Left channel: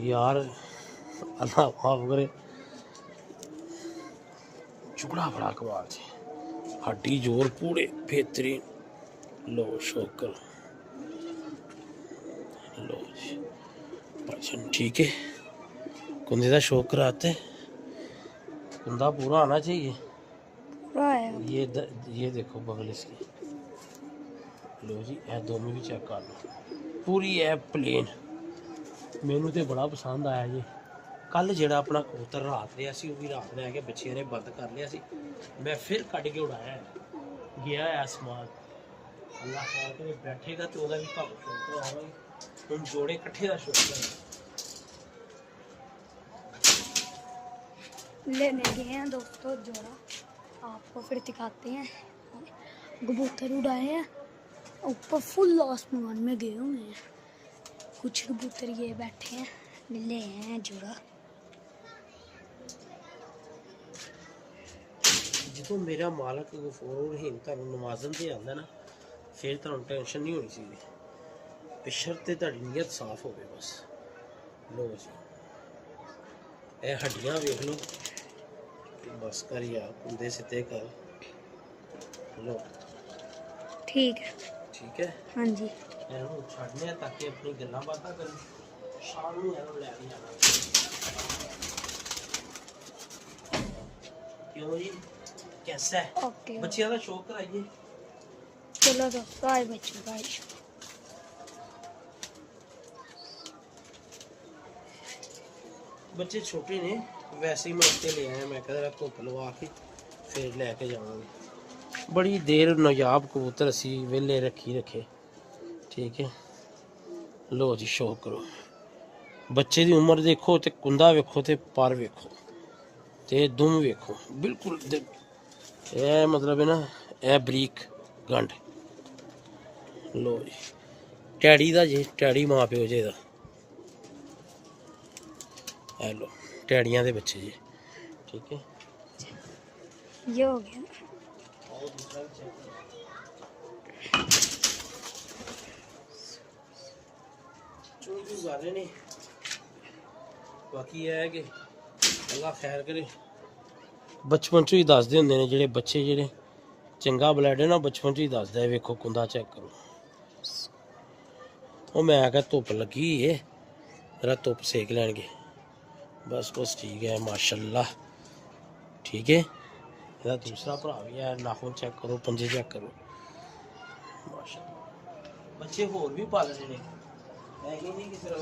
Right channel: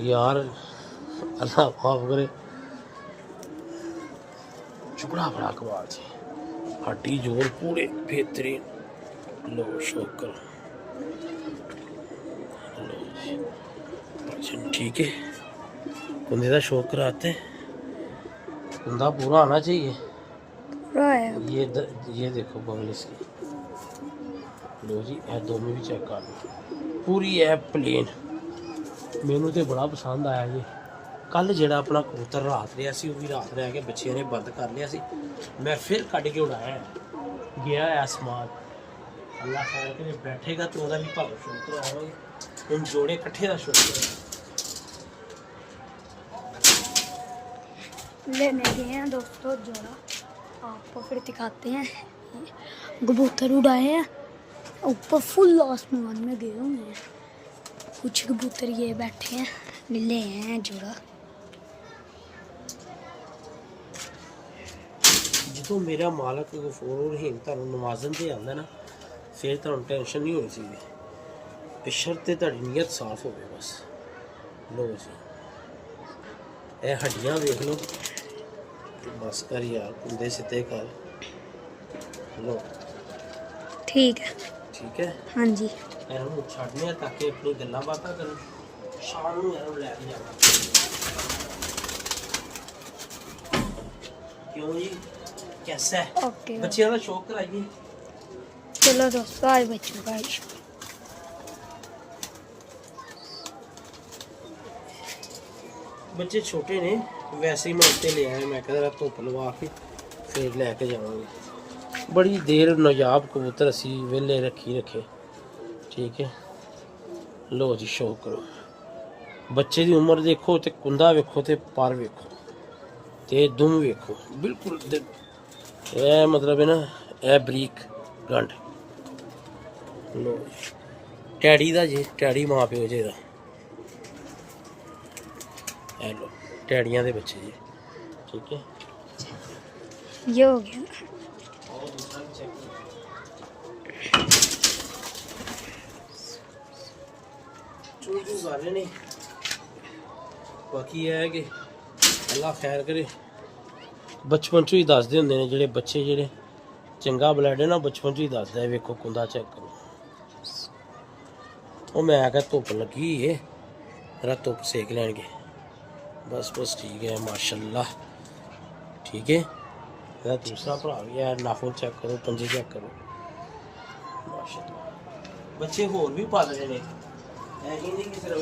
यार अल्लाह माफ करे, चुकड़ा बड़ा कमाल से, हड्डी जोर पूरे बेहतरीन। लो शोकर, लो जी अच्छा ठीक है। कुंदे का शौक कराते, कुंदा पूरा आना चाहिए। ये देखो बगल इसकी। लो जी ए दोनों भी चेक कर लो, पूरी है प्लेन। मैनू तो बड़ा पसंद आया जी। कल जो अपना कबूतर रात रहा सी, भी रात रह के बच्चे ने बंद कर लिया सी, मैं फिर कट के उड़ाया गया है आसमान। अल्लाह खैर करे बैठेगा तो वह भी भग शुरू करावांगे। हम जोड़े कट्ठे का शुरू लेने गए हैं दोस्तों जोड़ा, आपको फिर दिखाते हैं। कबूतर उड़ाए हैं ऊपर फुल आसमान में गए हुए हैं। कुछ कबूतर ये बैठे हैं, ले हैं जोड़ा। जो मेरा मालक गफूर रहीम तुहानू नवाजन से आंदा ना, फिर तुहानू टेंशन नहीं होनी चाहिए, बशर्ते तुहाडी नीयत साफ हो बस। लो जी ए हड्डियां वेख लो, बस कर यार, कुंदे सीधे कर लो। ठीक है, ठीक है हाँ जी। इन्हों छड्डने ताकि अपनी गल्लां बातां करन, शाम नूं इन्हों लैके जाना। क्यों जी कैसा है? ओके बच्चियां दा शौक कराइए। चलो दोस्तों आज बच्चों का बच्चे छोटे ने, वैसे ही मैं उत्ते ले आया, मैं कहता धुप लवा के फिर लैके जावांगे। बड़ी देर नायाब कबूतर असी वेले रखे। ठीक है लो जी शौक करो। बच्चे की उम्र देखो तो कुंदा वेखो तो पर वेखो तो दुम वेखो, बिल्कुल ए मतलब है ना ए बरीक गंढ। लो जी टैडी का जी, टैडी मां प्यो जी का। लो टैडियां दे बच्चे जी। ठीक है ये हो गया। और दूसरा भी चेक करो। चूजू कर रहे नहीं, बाकी यह है कि अल्लाह खैर करे। बचपन चो ही दसदे होंदे ने जेह्ड़े बच्चे जेह्ड़े चंगा ब्लड है ना, बचपन चो ही दसदा है। वेखो कुंदा चेक करो। वो मैं आख्या धुप्प लगी है, मेरा धुप्प सेक लैणगे। बस ठीक है माशाल्लाह। ठीक है ਇਹਦਾ दूसरा भरा भी है, नाखून चेक करो, पंजे चेक करो माशाल्लाह। बच्चे होर भी पालने ने, ऐ नहीं कि सिर्फ